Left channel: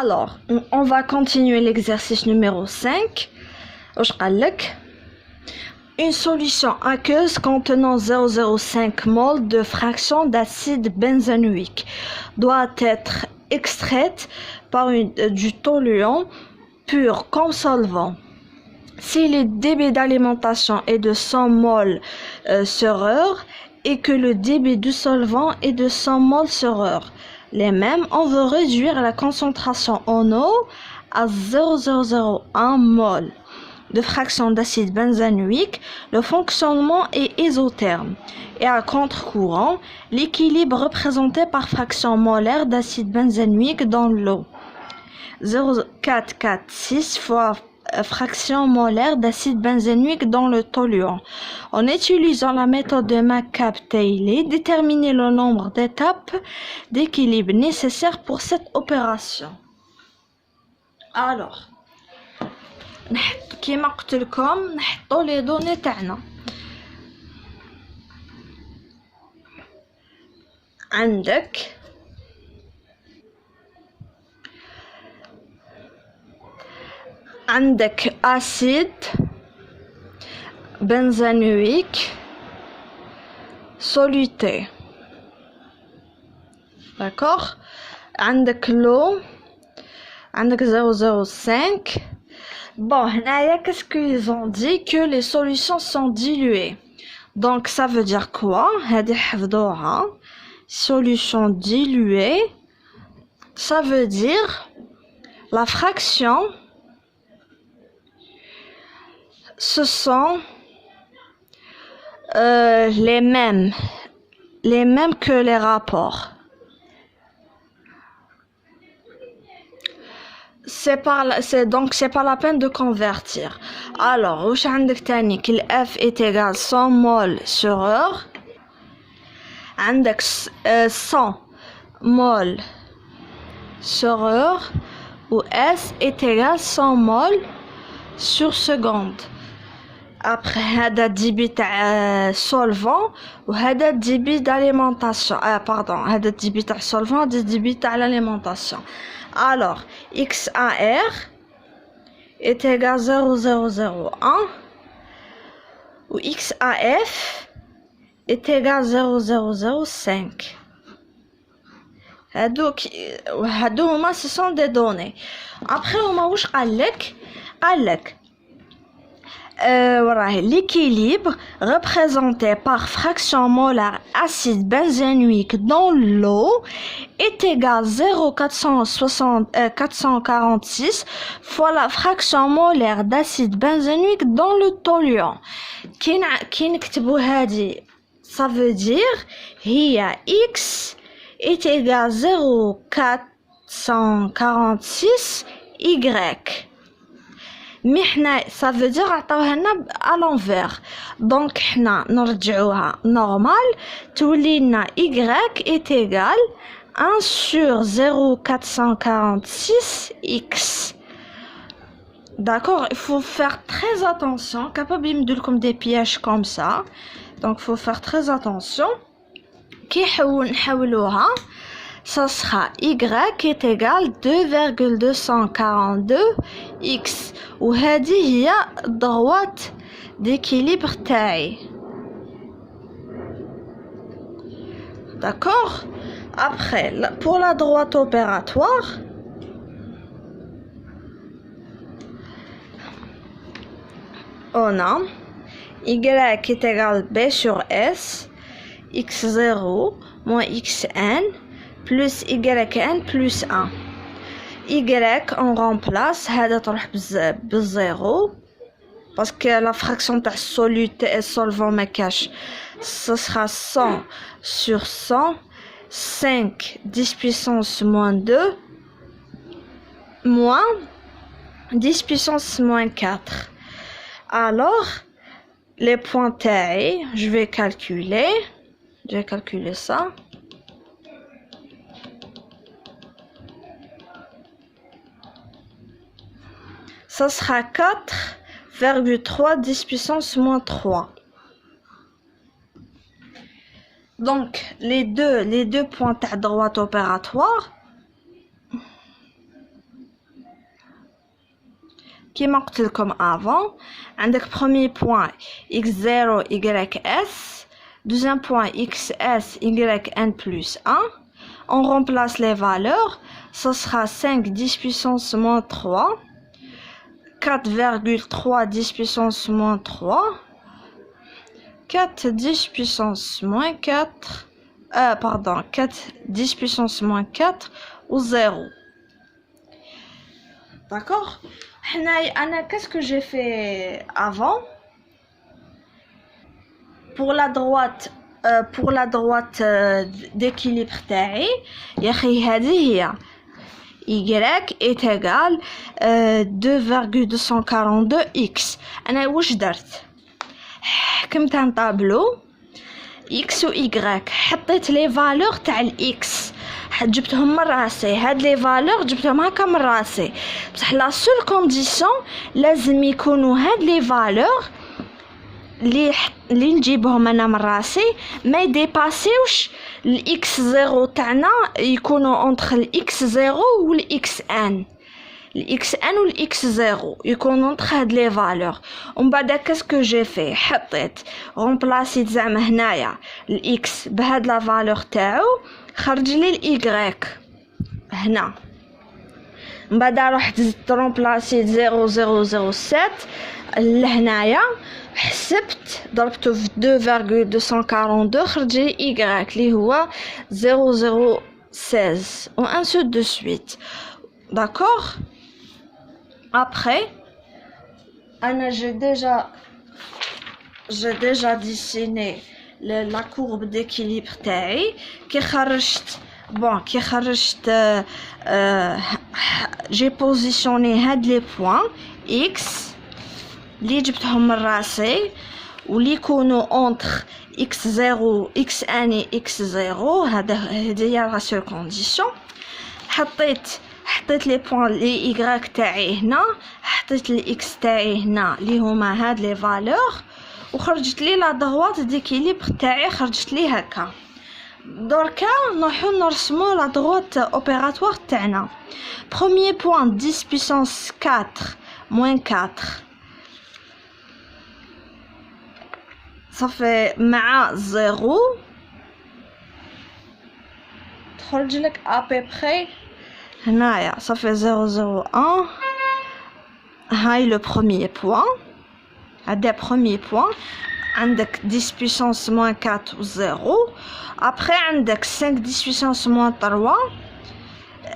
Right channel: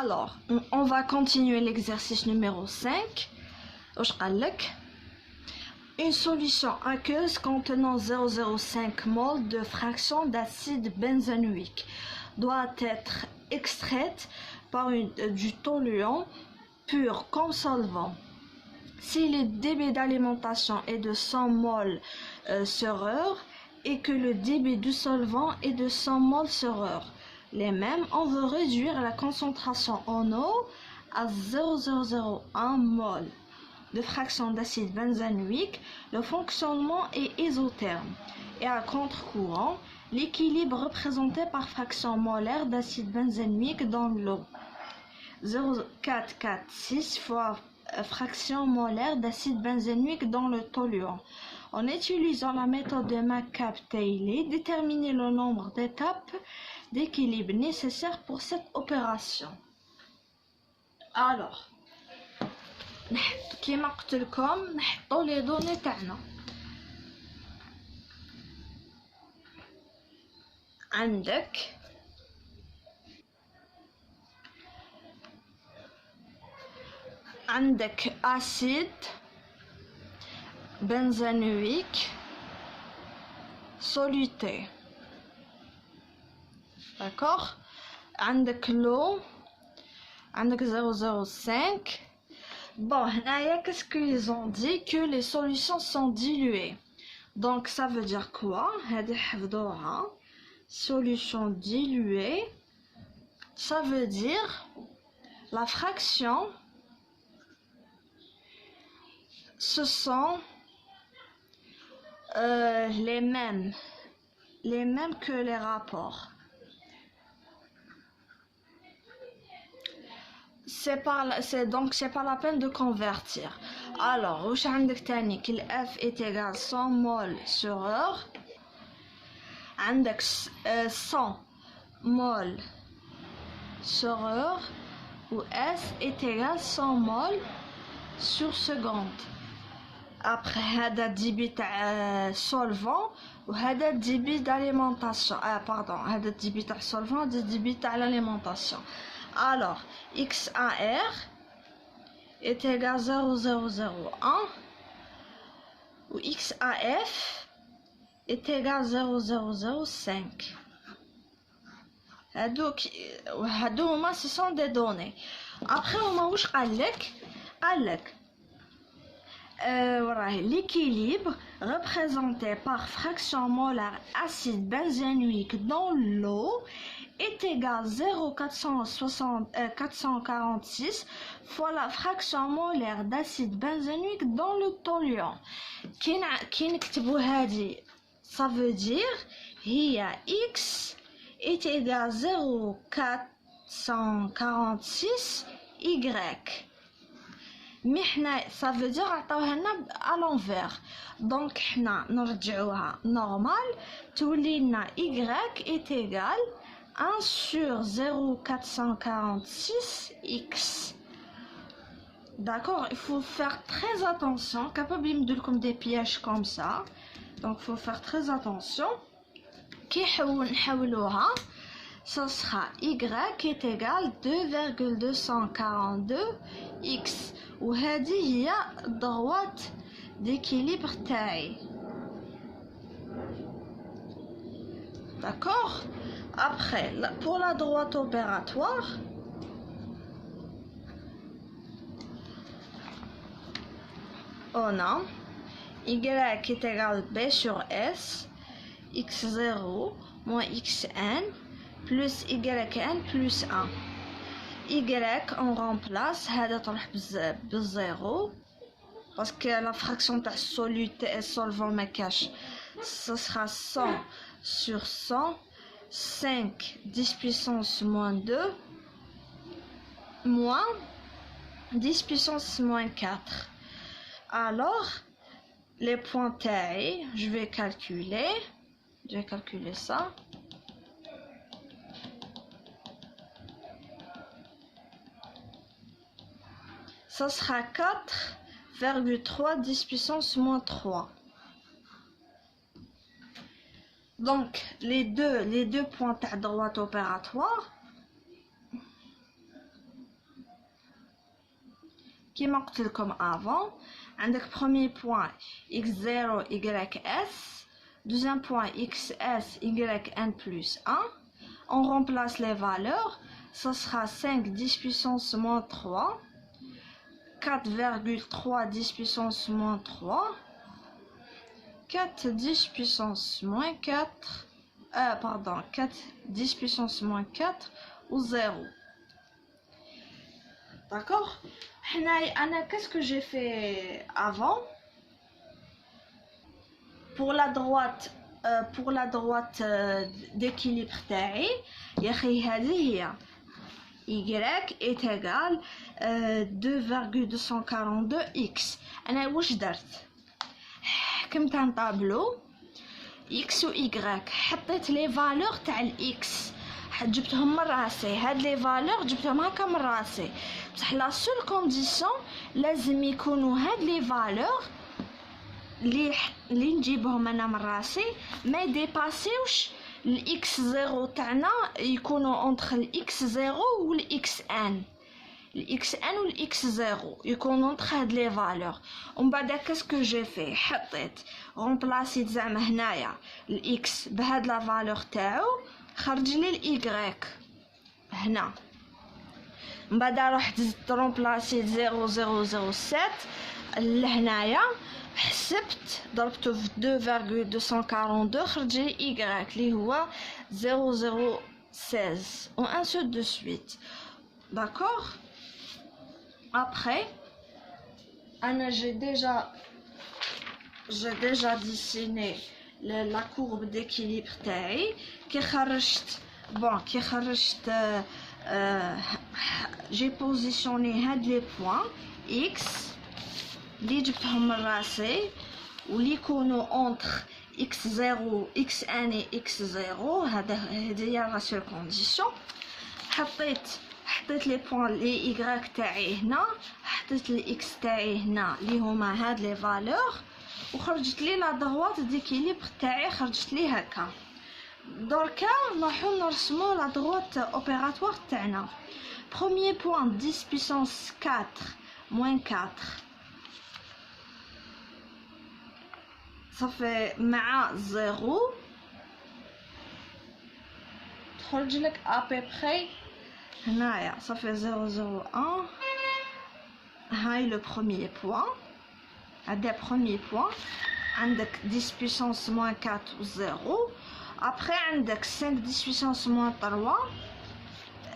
Alors, on va continuer l'exercice numéro 5. Une solution aqueuse contenant 0,05 mol de fraction d'acide benzénoïque doit être extraite par du toluant pur comme solvant. Si le débit d'alimentation est de 100 mol sur heure et que le débit du solvant est de 100 mol sur heure, les mêmes, on veut réduire la concentration en eau à 0,001 mol de fraction d'acide benzénoïque. Le fonctionnement est isotherme et à contre-courant, l'équilibre représenté par fraction molaire d'acide benzénoïque dans l'eau. 0,446 fois fraction molaire d'acide benzénoïque dans le toluant. En utilisant la méthode de McCabe-Taylor, déterminer le nombre d'étapes d'équilibre nécessaires pour cette opération. Alors, كيما قلت لكم نحطوا لي دوني تاعنا. عندك acide benzénoïque soluté, d'accord. عندك l'eau, عندك 0,05. Bon, qu'est-ce qu'ils ont dit? Que les solutions sont diluées. Donc ça veut dire quoi? Solution diluée, ça veut dire la fraction, ce sont les mêmes que les rapports. C'est pas la peine de convertir. Alors, واش عندك تاني que F est égal 100 mol sur heure. عندك 100 mol sur heure ou S est égal 100 mol sur seconde. Après هذا الديبي تاع solvant وهذا الديبي d'alimentation. Pardon, هذا الديبي تاع solvant وهذا الديبي تاع l'alimentation. Alors, XAR est égal 0,001 ou XAF est égal 0,005. هادو ce sont des données. Après هما واش قالك l'équilibre représenté par fraction molaire acide benzénoïque dans l'eau est égal 0,446 fois la fraction molaire d'acide benzénoïque dans le toluant. كي نكتبوا هذه ça veut dire هي x est égal 0,446 y. Mais ça veut dire à l'envers. Donc حنا نرجعوها normal تولينا y est égal 1 sur 0,446 x. D'accord, il faut faire très attention. Capable de me comme des pièges comme ça. Donc il faut faire très attention. كي نحولوها ça sera y est égal 2,242 x وهذه هي droite d'équilibre تاعي. D'accord. Après, pour la droite opératoire, on a y est égal b sur s, x0 moins xn plus yn plus 1. Y on remplace هذا تروح بالزيرو parce que la fraction تاع soluté et solvant ما كاش. Ce sera 100 sur 100 5 10 puissance moins 2 moins 10 puissance moins 4. Alors les points taillés, je vais calculer ça. Ça sera 4,3 10 puissance moins 3. Donc les deux points à droite opératoire, كيما قلت لكم avant. عندك premier point x0 ys, deuxième point xs yn plus 1. On remplace les valeurs, ça sera 5 10 puissance moins 3, 4,3 10 puissance moins 3, 4 10 puissance moins 4, 4 10 puissance moins 4 ou 0. D'accord? Qu'est-ce que j'ai fait avant? Pour la droite d'équilibre تاعي يا اخي هذه هي y est égal 2,242x. انا واش درت؟ حكمت عن طابلو x و y، حطيت لي فالور تاع الاكس، جبتهم من راسي. هاد لي فالور جبتهم هكا من راسي، بصح لا سول كونديسيون لازم يكونوا هاد لي فالور اللي نجيبهم انا من راسي ما يديباسيوش الاكس زيرو تاعنا، يكونوا اونتر الاكس زيرو والاكس ان، الاكس ان والاكس زيرو يكونوا اونتر هاد لي فالور. ومن بعد كاسكو جي في حطيت رومبلاسيت زعما هنايا الاكس بهاد لا فالور تاعو، خرج لي الايغريك هنا. من بعد رحت زدت رومبلاسيت 0007 لهنايا، حسبت ضربته في 2,242 خرج لي y اللي هو 0016 و ainsi de suite. D'accord? Après Anna, j'ai déjà dessiné la courbe d'équilibre تاعي. كي خرجت j'ai positionné هاد les points x اللي جبتهم من راسي واللي يكونوا اونتر x0 x1 x0. هذه هي لا سول كونديسيون. حطيت لي بوين لي y تاعي هنا، حطيت لي x تاعي هنا اللي هما هاد لي فالور، وخرجت لي لا droite ديكيليبر تاعي، خرجت لي هكا. دركا نروحو نرسمو لا droite اوبيراتوار تاعنا. premier point 10 puissance 4 moins 4، صافي مع زيرو تخرج لك ابيبخي هنايا صافي 001. هاي لو بروميير بوين، هذا بروميير بوين. عندك 10 puissance moins 4 و 0. ابخي عندك 5 10 puissance moins 3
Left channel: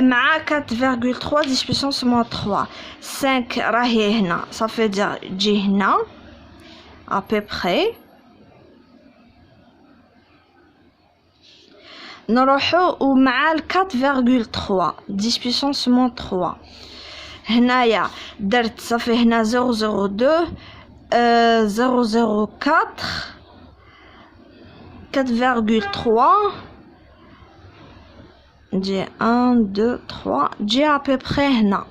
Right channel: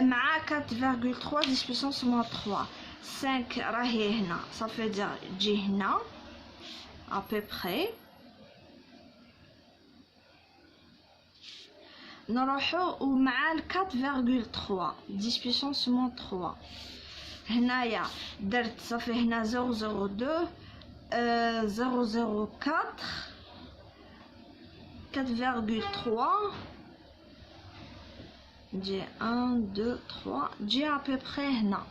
مع 4,3 10 puissance moins 3. 5 راهي هنا صافي تجي هنا ابيبخي. نروحو ومع 4,3 10 puissance moins 3 هنايا درت صافي هنا 002 004 4,3 نجي 1 2 3 جي ابيبخي هنا،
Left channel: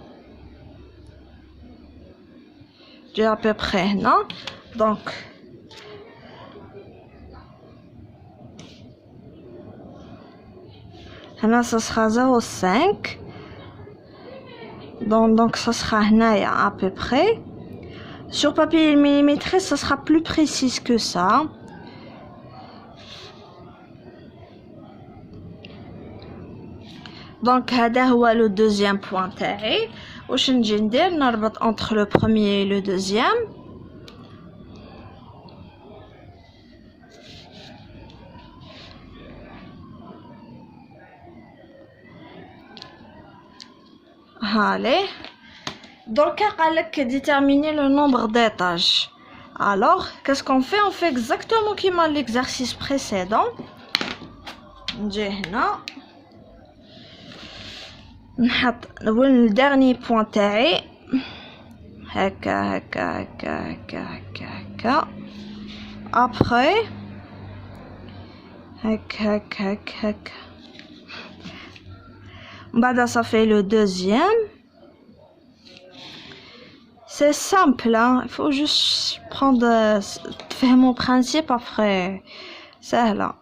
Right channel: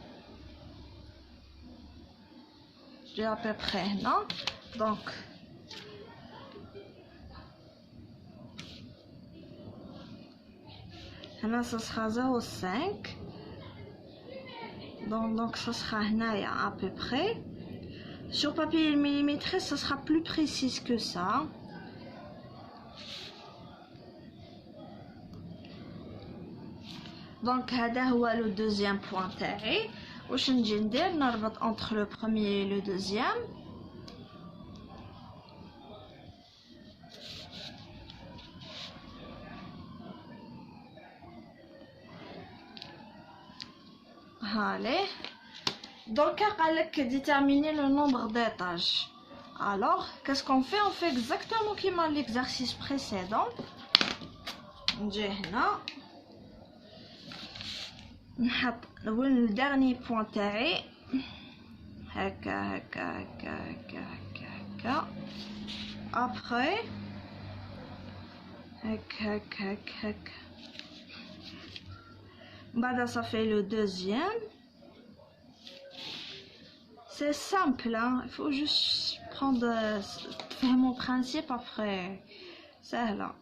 جي ابيبخي هنا. دونك هنا ça sera 0,5. Donc ça sera هنايا à peu près. Sur papier millimétré ça sera plus précis que ça. Donc هذا هو le deuxième point تاعي. واش نجي ندير؟ نربط entre le premier et le deuxième. Allez. Donc, déterminer le nombre d'étages. Alors, qu'est-ce qu'on fait? On fait exactement comme l'exercice précédent. نحط le dernier point تاعي هكا هكا هكا هكا هكا هكا. Après هكا هكا هكا هكا. بعد ça fait le deuxième. C'est simple, hein? Il faut juste prendre faire mon principe après. سهلة.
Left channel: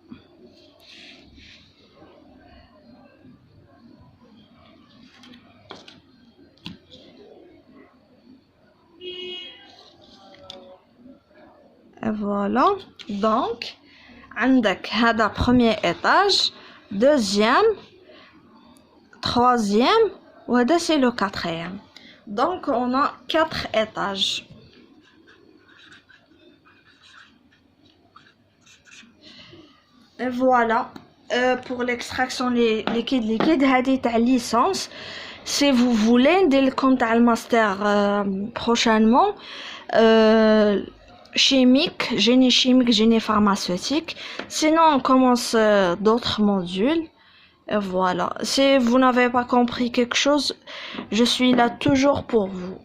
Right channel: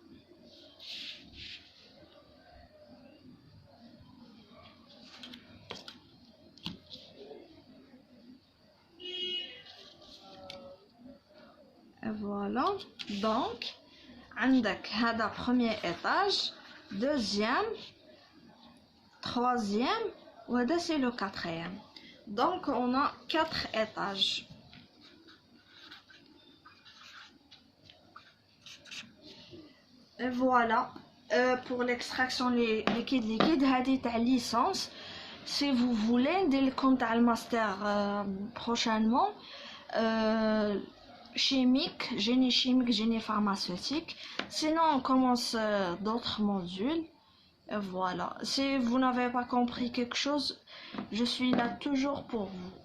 Et voilà. Donc, عندك هذا premier étage, deuxième, troisième, وهذا c'est le quatrième. Donc, on a 4 étages. Et voilà. Pour l'extraction liquide هذه تاع licence. Si vous voulez dès le compte à le master prochainement, chimique, génie pharmaceutique. Sinon on commence d'autres modules. Et voilà. Si vous n'avez pas compris quelque chose, je suis là toujours pour vous.